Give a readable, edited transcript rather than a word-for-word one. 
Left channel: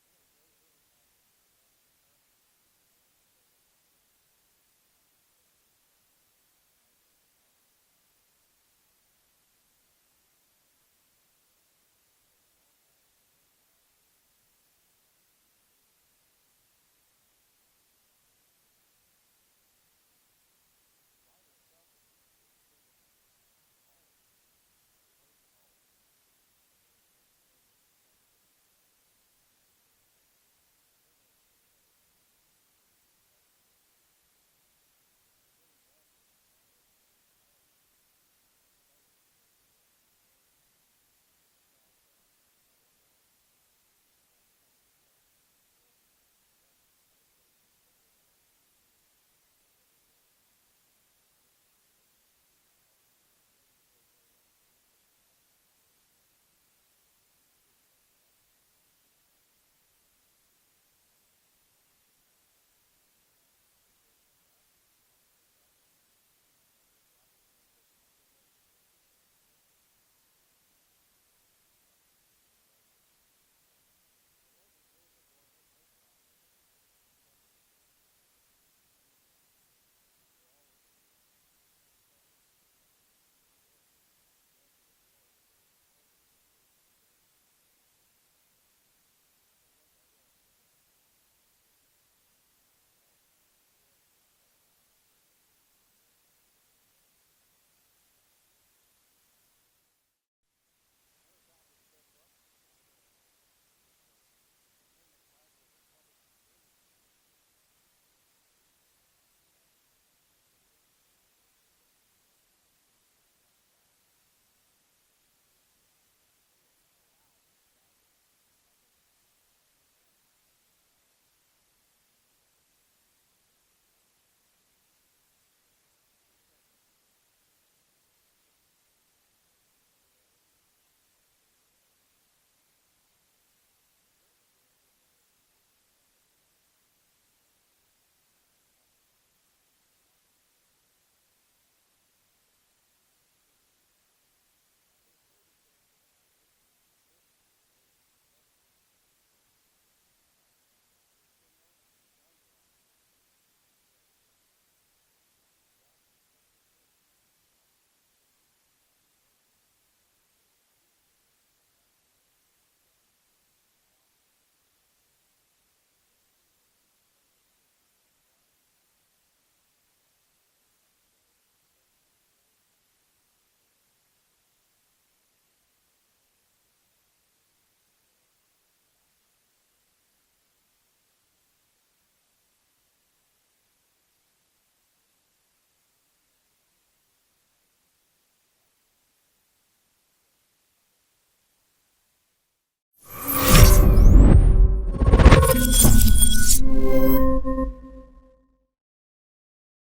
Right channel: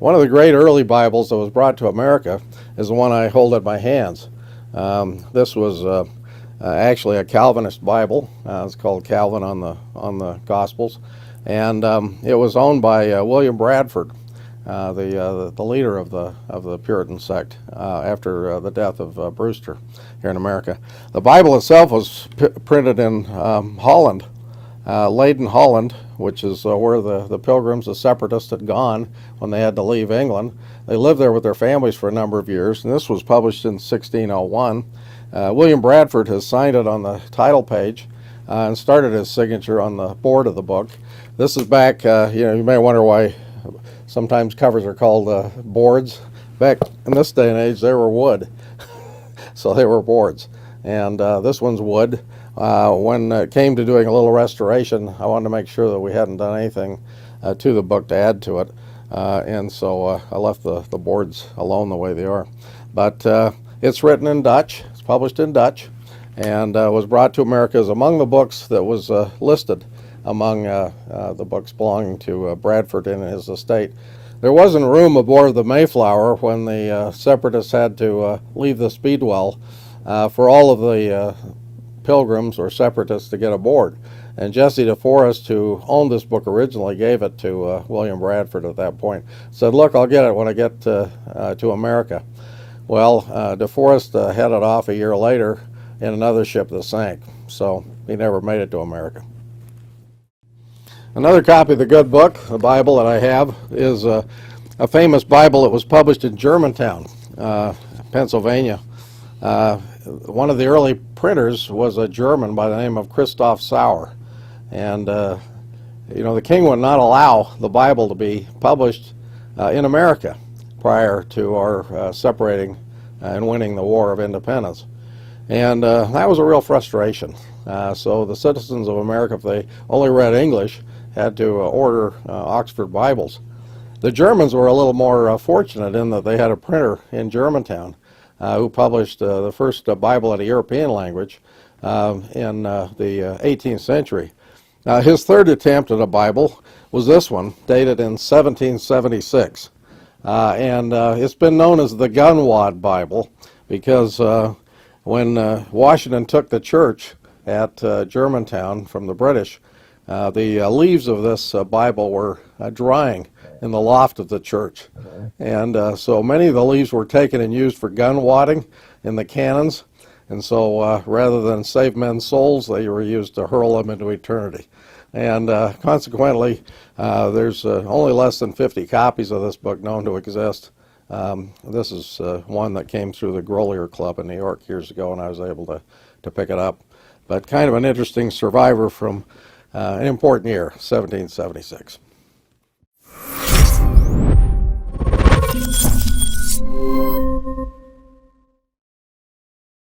One of the great early Bibles that was brought to America is the one I hold in my hands. This was actually a Calvinist Bible. It's called Calvin on the Gospels, and it was owned by William Bradford, the leader of the Puritan sect after the death of Brewster here in America. The Bible itself was printed in Holland, Leyden, Holland, which is where the Pilgrims, the separatists, had gone when they had to leave England. They lived there with their families for a number of years, and this was published in 1601. William Bradford has signed it on the title page and started his signature on the board of the book. This is back, you may wonder why sometimes covers are called boards. Back in this day and age, they were wood, so they were boards. And this one's wood. When it came to doing a little restoration, I wanted to make sure that we hadn't done anything to the book to add to it. And so I left the boards alone the way they are. But it's written in Dutch, it's published in Dutch, and was brought to America as among the books that was listed among the books belonging to Bradford and his estate. There wasn't room aboard the Mayflower when the separatists had to leave the Speedwell for all of the Pilgrims or separatists to get aboard. And Jesse DeForest, who owned this book originally, gave it to William Bradford at that point. Said, look, I'll get it when I get to America. Well, DeForest headed off a year later in another ship that sank, so he never made it to America. Another copy of the good book, the Bible that I have, is a famous Bible that was published in Germantown, Pennsylvania. One of the early printers was a German by the name of Christoph Sauer. And, the king would not allow the Bible to be published in America prior to our separating and winning the War of Independence. And that was a real frustration. So the citizens of America, if they only read English, had to order Oxford Bibles. The Germans were a little more fortunate in that they had a printer in Germantown who published the first Bible in a European language in the 18th century. His third attempt at a Bible was this one, dated in 1776. And it's been known as the Gunwad Bible because when Washington took the church at Germantown from the British, the leaves of this Bible were drying in the loft of the church. And so many of the leaves were taken and used for gun wadding in the cannons. And so rather than save men's souls, they were used to hurl them into eternity. And consequently, there's only less than 50 copies of this book known to exist. This is one that came through the Grolier Club in New York years ago, and I was able to pick it up. But kind of an interesting survivor from an important year, 1776.